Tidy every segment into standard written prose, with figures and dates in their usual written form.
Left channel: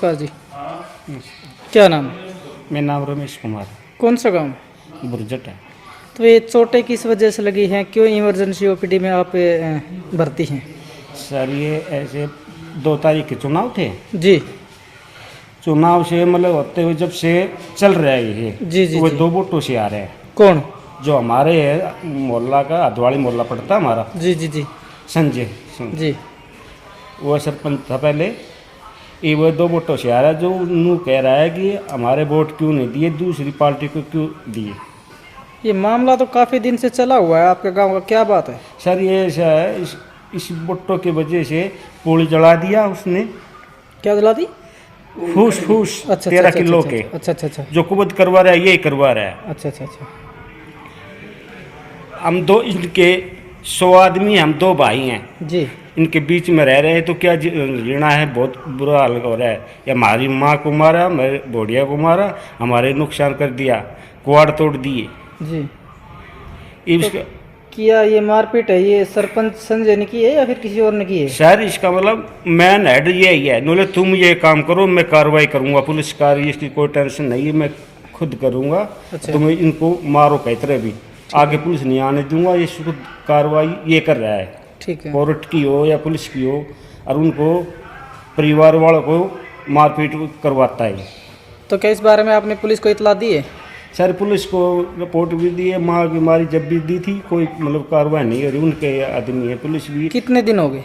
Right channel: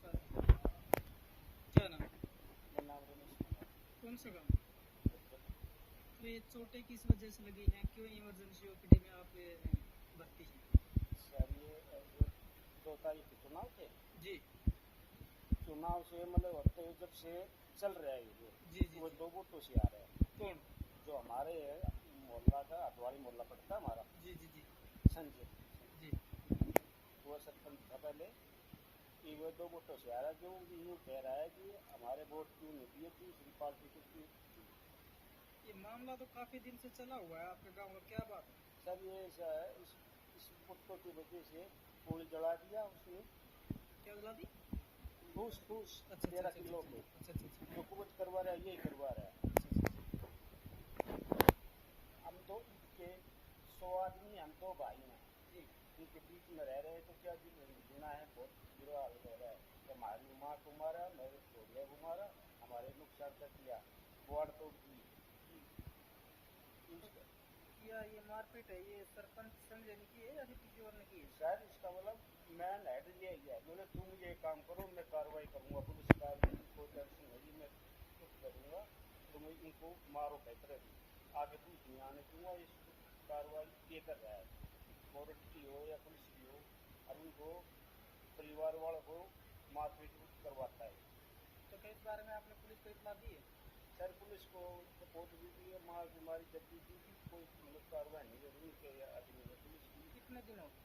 नमस्कार जी, क्या नाम है? मेरा नाम रमेश कुमार कौन सा गांव? बुरजट है। तो ये चोटें किस वजह से लगी हैं? क्यों इमरजेंसी ओपीडी में आप भर्ती हैं? सर ये ऐसे 2 तारीख के चुनाव थे। जी चुनाव से मतलब होते हुए जब से चल रहा है ये जी जी वो जी। 2 वोटों से आ रहे हैं। कौन? जो हमारे है मोहल्ला का अधवाड़ी मोहल्ला पड़ता हमारा, जी जी जी संजय सिंह, जी। वो सरपंच था पहले। ये वो 2 वोटों से आ रहा है। जो उन्होंने कह रहा है कि हमारे वोट क्यों नहीं दिए, दूसरी पार्टी को क्यों दिए। ये मामला तो काफ़ी दिन से चला हुआ है आपके गांव का, क्या बात है? सर ये ऐसा है, इस वोटों की वजह से पुल जला दिया उसने, क्या दिला दी? फूस फूस अच्छा 13 किलो के। अच्छा अच्छा अच्छा जो कुबत करवा रहा है यही करवा रहा है। अच्छा अच्छा अच्छा। हम दो इनके 100 आदमी, हम 2 भाई हैं, जी इनके बीच में रह रहे हैं तो क्या जीना है। बहुत बुरा हाल हो रहा है। या हमारी माँ को मारा, मेरे बोढ़िया को मारा, हमारे नुकसान कर दिया, कुआड़ तोड़ दिए। जी। इसका किया ये मारपीट है, ये सरपंच संजय ने की है या फिर किसी और ने की है? सर इसका मतलब मैन हेड यही है, बोले तुम ये काम करो, मैं कार्रवाई करूंगा, पुलिस कार्रवाई, इसकी कोई टेंशन नहीं है, मैं खुद करूंगा। अच्छा। तुम इनको मारो कई तरह भी, आगे पुलिस नहीं आने दूंगा। ये शुरू कार्रवाई ये कर रहा है, ठीक है। कोर्ट की हो या पुलिस की हो, और उनको परिवार वालों को मारपीट करवाता है। तो क्या इस बारे में आपने पुलिस को इतला दी है? सर पुलिस को रिपोर्ट भी दी है, माँ की मारी जब भी दी थी, कोई मतलब कार्रवाई नहीं हो रही। उनके आदमी है, पुलिस भी। कितने दिन हो गए?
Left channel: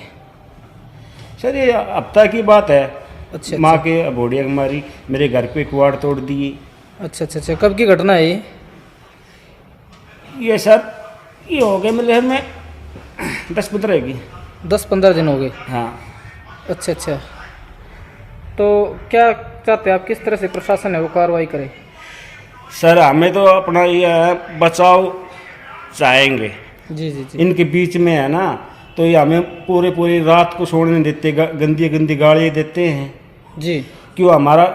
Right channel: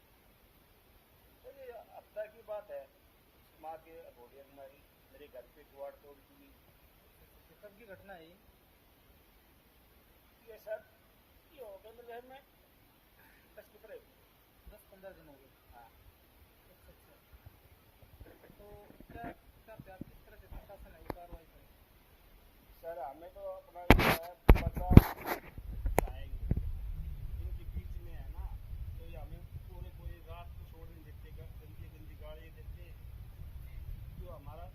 सर ये हफ्ता की बात है। अच्छा माँ अच्छा के बोढ़िया की मारी, मेरे घर पे कुआड़ तोड़ दिए। अच्छा अच्छा अच्छा। कब की घटना है ये? ये सर ये हो गए मतलब में 10-15 की। 10-15 दिन हो गए। हाँ अच्छा अच्छा। तो क्या चाहते हैं आप, किस तरह से प्रशासन है वो कार्रवाई करे? सर हमें तो अपना ये है, बचाव चाहेंगे। जी जी जी इनके बीच में है ना, तो ये हमें पूरी रात को सोने नहीं देते, गंदी गंदी गालियाँ देते हैं। जी क्यों हमारा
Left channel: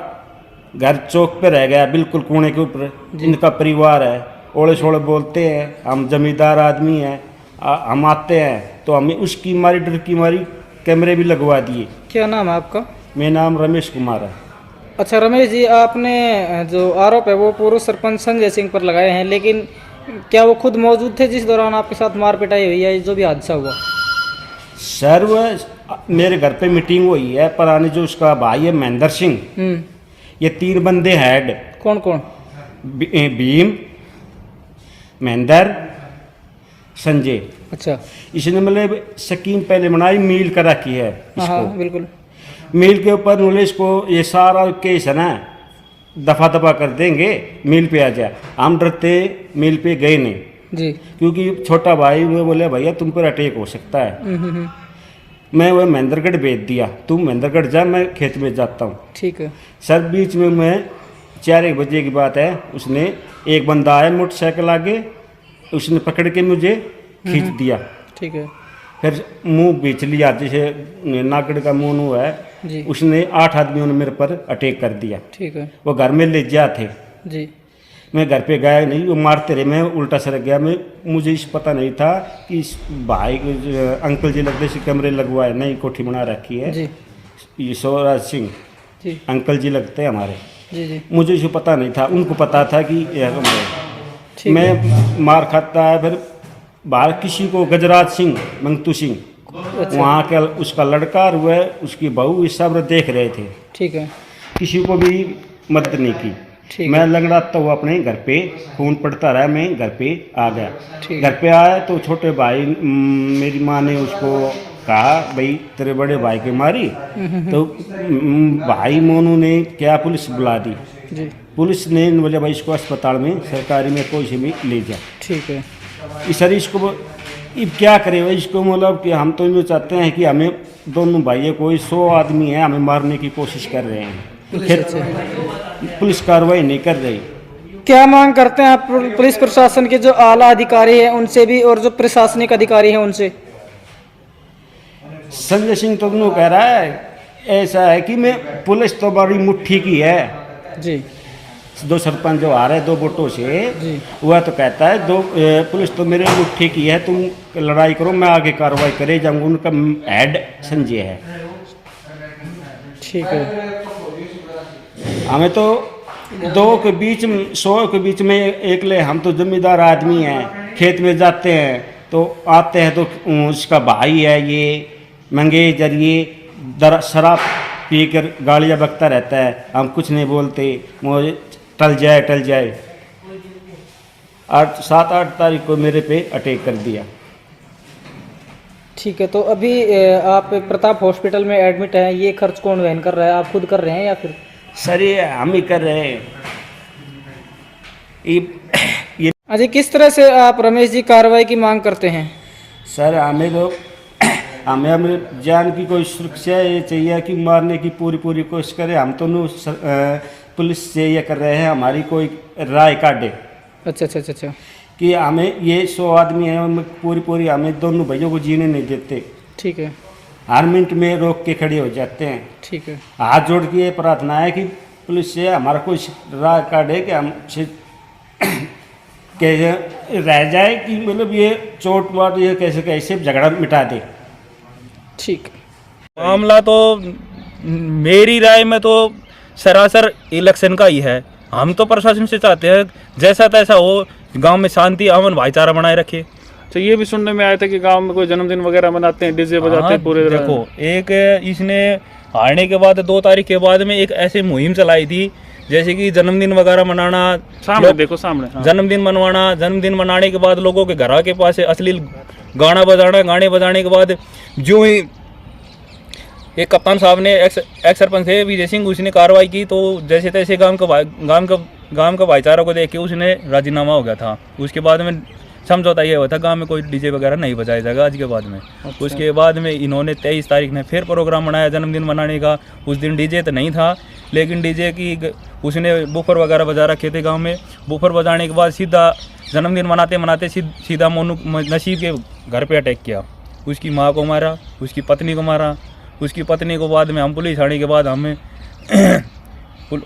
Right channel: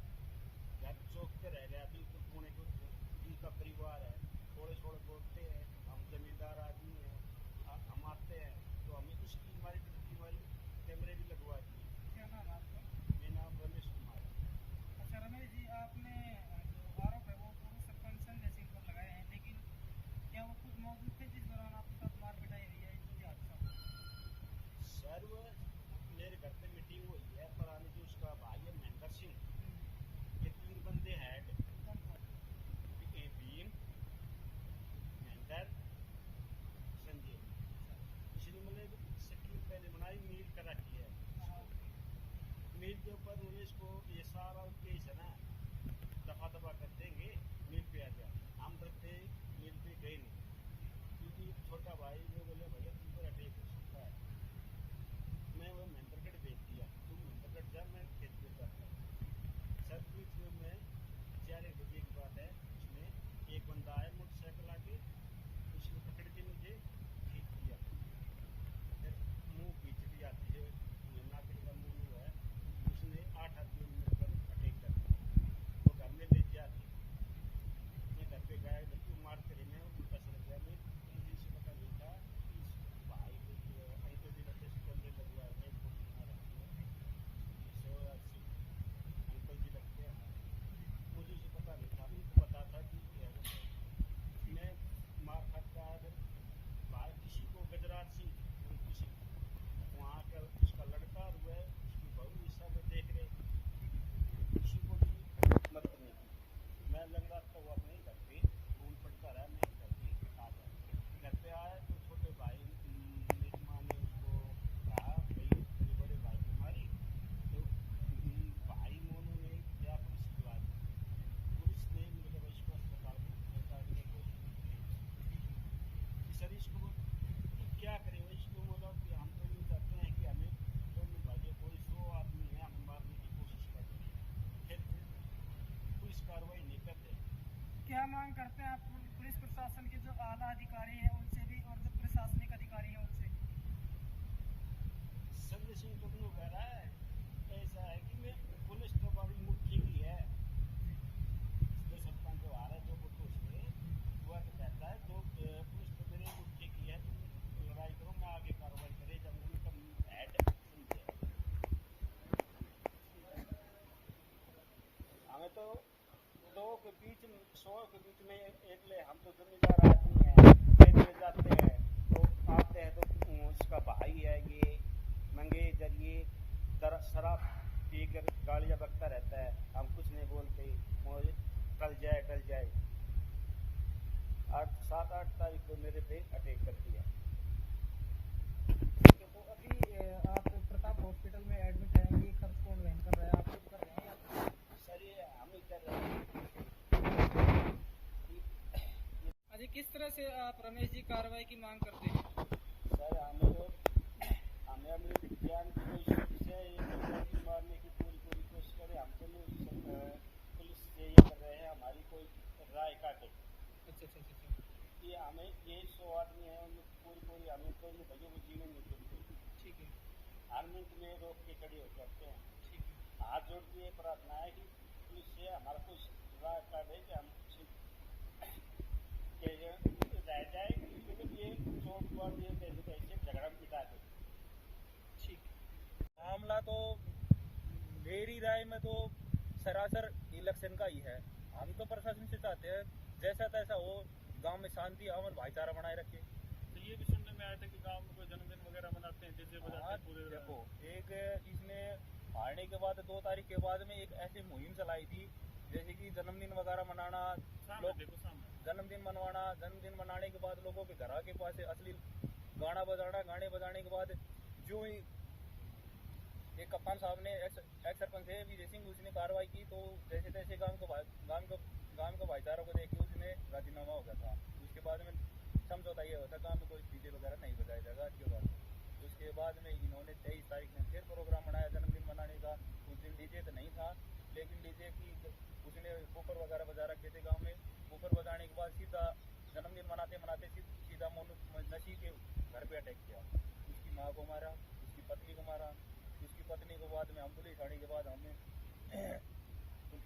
घर चौक पे रह गया, बिल्कुल कोने के ऊपर। इनका परिवार है, ओले सोले बोलते हैं। हम जमींदार आदमी हैं, हम आते हैं तो हमें उसकी मारी, डर की मारी कैमरे भी लगवा दिए। क्या नाम है आपका? मेरा नाम रमेश कुमार है। अच्छा रमेश जी, आपने जो आरोप है वो पूर्व सरपंच संजय सिंह पर लगाए हैं, लेकिन क्या वो खुद मौजूद थे जिस दौरान आपके साथ मार पिटाई हुई है, जो भी हादसा हुआ? सर वह मेरे घर पे मीटिंग हुई है, पुराने जो उसका भाई है महेंद्र सिंह, ये 3 बंदे हेड। कौन कौन? भीम, महेंद्र, संजय। अच्छा। इसने मतलब स्कीम पहले बनाई, मील करा की है हाँ इसको। हाँ बिल्कुल। मील के ऊपर उन्होंने इसको ये सारा केस है ना दफा दफा कर देंगे, मील पे आ जा। हम डरते मील पे गए नहीं, जी। क्योंकि छोटा भाई वो बोले भैया तुम पर अटैक हो सकता है। मैं वह महेंद्रगढ़ भेज दिया, तुम महेंद्रगढ़ जा, मैं खेत में जाता हूँ। ठीक है। सर बीच में मैं 4-1 बजे की बात है, उसने एक बंदा आया मोटरसाइकिल आगे, उसने पकड़ के मुझे खींच दिया। ठीक है। फिर मुंह बेच लिया, जैसे नागड़ का मुंह है, जी। उसने 8 आदमियों ने मेरे पर अटैक कर दिया। ठीक है। वो घर में ले जा थे, जी। मैं घर पे गया नहीं, वो मारते रहे, मैं उल्टा सरक गया। मुझे इस पता नहीं था कि इस भाई अंकल जी लगते से कैमरे लगवाए, नई कोठी बना रखी है। जी ये स्वराज सिंह जी अंकल जी लगते हैं हमारे। जी जी। मुझे इसे पता नहीं था, उनको पता था कि ठीक है। मैं मार खाता है। फिर बाहर किसी को गजराज सिंह, मंगतू सिंह, अच्छा। वहाँ के उसका लड़का और वह उसकी बहू, ये सब देख रहे थे। ठीक है। किसी को भी मदद नहीं की। ठीक मैं है। लंगड़ाता हुआ अपने घर पे, खून पड़ता रहा, मैं घर पे आ गया। ठीक घर है। पे आया तो छोटे भाई, मेरी माँ ने उसको कहा भाई तेरे बड़े भाई की मारी। तो भाई मोनू ने क्या पुलिस बुला दी। जी। पुलिस ने बोले भाई इसको अस्पताल में सरकारी में कोई से भी ले जा। ठीक है। इस सर इसको अब क्या करें भाई, इसको मतलब कि हम तो ये चाहते हैं कि हमें दोनों भाइयों को 100 आदमी है, हमें मारने की कोशिश कर रहे हैं, फिर पुलिस कार्रवाई नहीं कर रही। क्या मांग करते हैं आप पुलिस प्रशासन के जो आला अधिकारी हैं उनसे भी, और जो प्रशासनिक अधिकारी हैं उनसे? संजय सिंह तो यूँ कह रहा है, ऐसा है कि मैं पुलिस तो बड़ी मुट्ठी की है। जी। 2 सरपंच जो आ रहे 2 वोटों से, जी। वह तो कहता है पुलिस तो मेरे मुट्ठी की है, तुम लड़ाई करो, मैं आगे कार्रवाई करे जाऊँगा। उनका हेड संजय है। ठीक है। हमें तो दो के बीच में 100 के बीच में एक ले, हम तो जमींदार आदमी हैं, खेत में जाते हैं तो आते हैं तो उसका भाई है ये मंगे जरिए शराब पी कर गालियाँ बकता रहता है, हम कुछ नहीं बोलते, मुझे टल जाए 7-8 तारीख को मेरे पे अटैक कर दिया। ठीक है, तो अभी आप प्रताप हॉस्पिटल में एडमिट हैं, ये खर्च कौन वहन कर रहा है, आप खुद कर रहे हैं या फिर? सर ये हम ही कर रहे हैं। ये अजय, किस तरह से आप रमेश जी कार्रवाई की मांग करते हैं? सर हमें हमें जान की कोई सुरक्षा ये चाहिए कि मारने की पूरी कोशिश करें, हम तो पुलिस से ये कर रहे हैं, हमारी कोई राय काटे। अच्छा। कि हमें ये 100 आदमी हैं, उनमें पूरी हमें दोनों भाइयों को जीने नहीं देते, ठीक है, हर मिनट में रोक के खड़े हो जाते हैं। ठीक है, हाथ जोड़ के ये प्रार्थना है कि पुलिस से हमारा कोई राय काटे कि हम कैसे रह जाए, कि मतलब ये चोट वाट ये कैसे झगड़ा मिटा दे। ठीक। मामला तो मेरी राय में तो सरासर इलेक्शन का ही है। हम तो प्रशासन से चाहते हैं जैसा तैसा हो, गांव में शांति अमन भाईचारा बनाए रखे। तो ये भी सुनने में आया था कि गांव में कोई जन्मदिन वगैरह मनाते हैं, डीजे बजाते हैं पूरे। देखो, एक इसने हारने के बाद 2 तारीख के बाद में एक ऐसी मुहिम चलाई थी, जैसे कि जन्मदिन वगैरह मनाना, सामने देखो सामने, हाँ। जन्मदिन मनवाना, जन्मदिन मनाने के बाद लोगों के घर के पास अश्लील गाना बजाना, गाने बजाने के बाद जो ही एक कप्तान साहब ने एक्स सरपंच है विजय सिंह, उसने कार्रवाई की, तो जैसे तैसे गांव का भाईचारा को देख के उसने राजीनामा हो गया था। उसके बाद में समझौता ये हुआ था गांव में कोई डीजे वगैरह नहीं बजाया जाएगा आज के बाद में। अच्छा। उसके बाद में इन्होंने 23 तारीख ने फिर प्रोग्राम बनाया जन्मदिन मनाने का। उस दिन डीजे तो नहीं था, लेकिन डीजे की उसने बूफर वगैरह बजा रखे थे गाँव में। बूफर बजाने के बाद सीधा जन्मदिन मनाते सीधा मोनू नसीब के घर पर अटैक किया। उसकी माँ को मारा, उसकी पत्नी को मारा। उसकी पत्नी को बाद में हम पुलिस आने के बाद हमें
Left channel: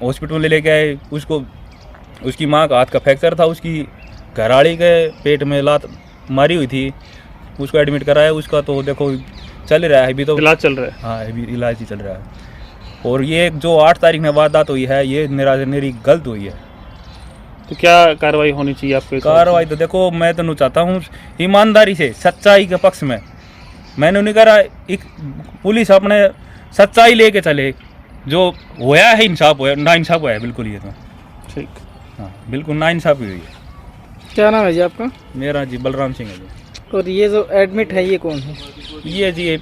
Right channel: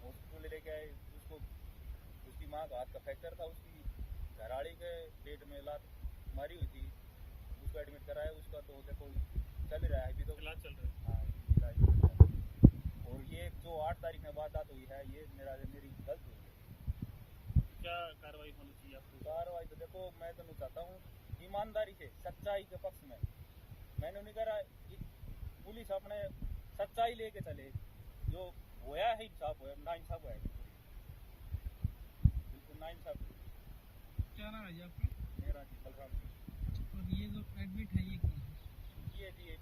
हॉस्पिटल में लेके आए। उसकी माँ का हाथ का फ्रैक्चर था, उसकी घरवाली के पेट में लात मारी हुई थी, उसको एडमिट कराया। उसका तो देखो चल रहा है, अभी तो इलाज चल रहा है। हाँ, अभी इलाज ही चल रहा है। और ये जो 8 तारीख में वारदात हुई है, ये मेरी गलत हुई है। तो क्या कार्रवाई होनी चाहिए आपके? कार्रवाई तो देखो, मैं तो चाहता हूँ ईमानदारी से, सच्चाई के पक्ष में। मैंने नहीं करा, एक पुलिस अपने सच्चाई लेके चले, जो होया है इंसाफ होया, ना इंसाफ होया है बिल्कुल। ये तो ठीक, हाँ, बिल्कुल ना इंसाफी हुई है। क्या नाम है जी आपका? मेरा जी बलराम सिंह है जी। और ये जो एडमिट है ये कौन है? ये जी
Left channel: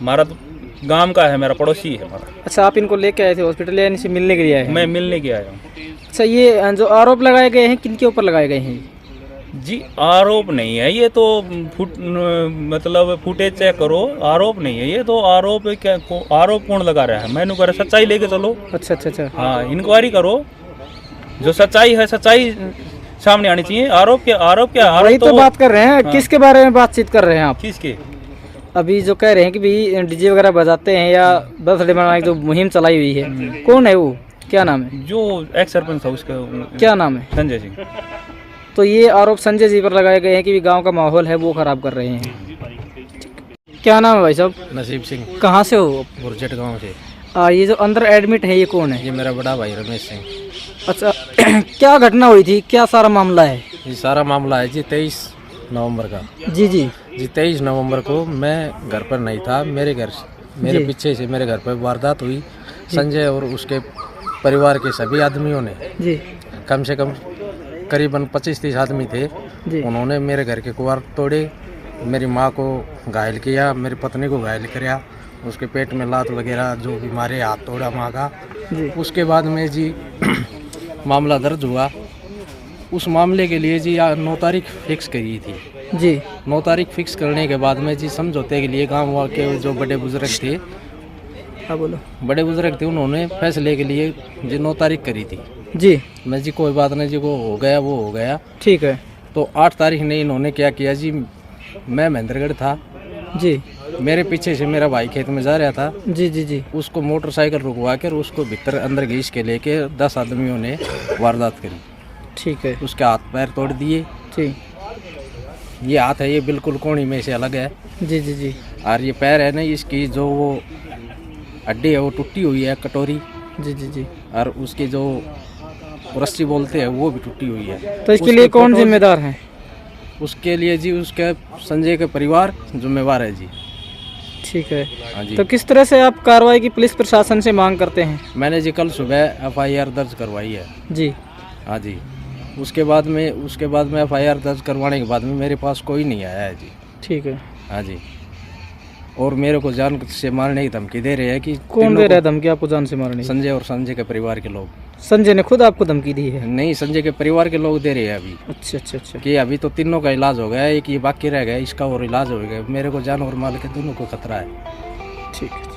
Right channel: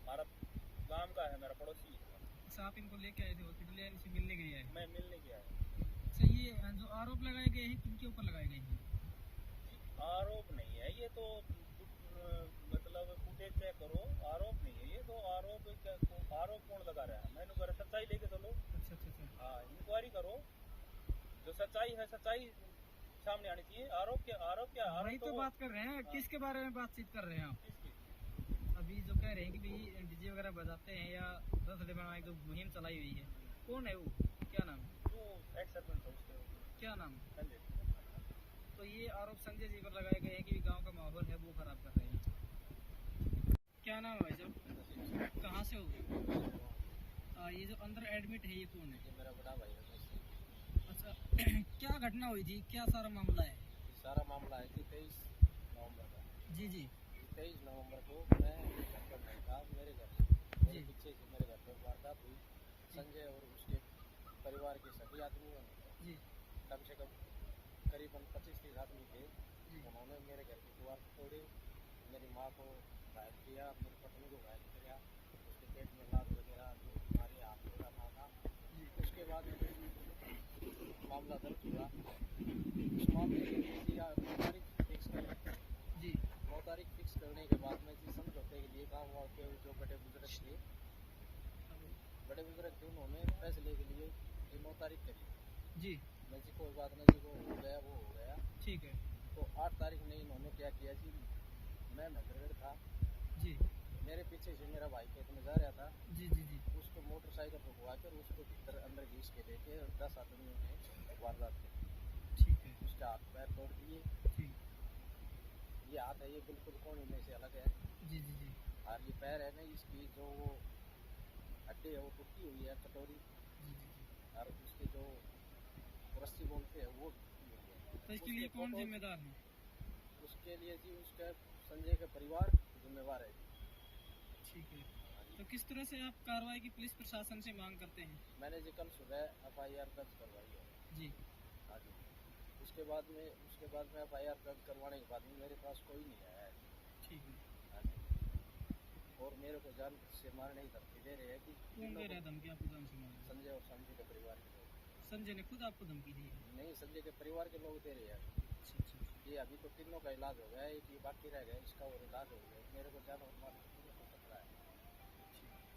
हमारा तो गांव का है, मेरा पड़ोसी है हमारा। अच्छा, आप इनको लेके आए थे हॉस्पिटल या इनसे मिलने के लिए आए हैं? मैं मिलने के आया हूँ। अच्छा, ये जो आरोप लगाए गए हैं किनके ऊपर लगाए गए हैं? जी आरोप नहीं है ये तो, मतलब फुटेज चेक करो, आरोप नहीं है ये तो। आरोप क्या, आरोप कौन लगा रहा है? मैंने कहा सच्चाई लेके चलो। अच्छा। हाँ, इंक्वायरी करो, जो सच्चाई है सच्चाई सामने आनी चाहिए। आरोप क्या वही तो बात कर रहे हैं। हाँ। किसके बारे में बातचीत कर रहे हैं आप? किसके? अभी जो कह रहे हैं कि भाई डीजे वगैरह बजाते हैं या बर्थडे मनाने की जो मुहिम चलाई हुई है, कौन है वो? क्या नाम है? जो एक्स सरपंच था उसका क्या नाम है? संजय सिंह। तो ये आरोप संजय जी पर लगाए गए हैं कि गांव का माहौल है वो खराब कर रहे हैं। क्या नाम है भाई साहब? नसीब सिंह, कहाँ से हो? बुरचट गांव से। ये जो अंदर एडमिट है ये कौन है? ये मेरा बड़ा भाई रमेश सिंह। अच्छा क्या घटना हुई थी, क्या सारा मामला है? ये सारा मामला है जी 23 नवंबर का। जी 23 नवंबर को मैं घर पर नहीं था, मेरे पीछे से मेरे घर पर वारदात हुई। संजय और उसके परिवार के सभी आदमियों ने जी कम से कम करीबन 25-30 आदमी थे जी। उन्होंने मेरे घर के कुआर तोड़े, मेरी माँ को घायल किया, मेरी पत्नी को घायल किया, उसके पेट में लात वगैरह जो भी मारे, हाथ तोड़ा माँ का। उसके बाद में जी मामला दर्ज हुआ। उस मामले के लिए जी 9 तारीख फिक्स करी थी जी। 9 तारीख फिक्स करने के बाद में जी समझौते के लिए गांव के जो बड़े बुजुर्ग थे, हाँ बोलो। बड़े बुजुर्ग थे, उन्होंने फैसले के लिए जी 9 तारीख करी थी जी। मैं जी कोई बात नहीं जी, वो हो गया वो हो गया। ठीक है। तो 8 तारीख ने इन्होंने क्या किया जी, मैं महेंद्रगढ़ था जी। मेरे पीछे से मेरा भाई खेत में जा रहा था जी। उसको मोटरसाइकिल रुकवा कर उसको भीतर अंदर घीस के लेके 10 आदमियों ने वारदात करी। ठीक है। उसके हाथ पैर तोड़ दिए। जी। ये हाथ है ये बिल्कुल कोहनी में से अलग है। जी। और ये पैर है ना, इसकी जो वो हड्डी है वो टूटी हुई है, कटोरी जी जी जी। और उसकी जो रस्सी बोलते हैं वो भी टूटी हुई है। तो इसके उसके लिए कौन फोटोज- जिम्मेदार है? उसके लिए जी उसके संजय के परिवार जिम्मेवार है जी। ठीक है। हाँ जी। तो किस तरह से आप कार्रवाई की पुलिस प्रशासन से मांग करते हैं? मैंने जी कल सुबह FIR दर्ज करवाई है। जी हाँ जी। उसके बाद में FIR दर्ज करवाने के बाद में मेरे पास कोई नहीं आया है जी। ठीक है। हाँ जी। और मेरे को जान से मारने की धमकी दे रहे हैं कि कौन तीनों दे रहा है को- धमकी आपको जान से मारने की? संजय और संजय के परिवार के लोग। संजय ने खुद आपको धमकी दी है? नहीं, संजय के परिवार के लोग दे रहे हैं अभी अच्छा अच्छा अच्छा। कि अभी तो तीनों का इलाज हो गया, एक ये बाकी रह गया, इसका और इलाज हो गया। मेरे को जान और माल के दोनों को खतरा है। ठीक है।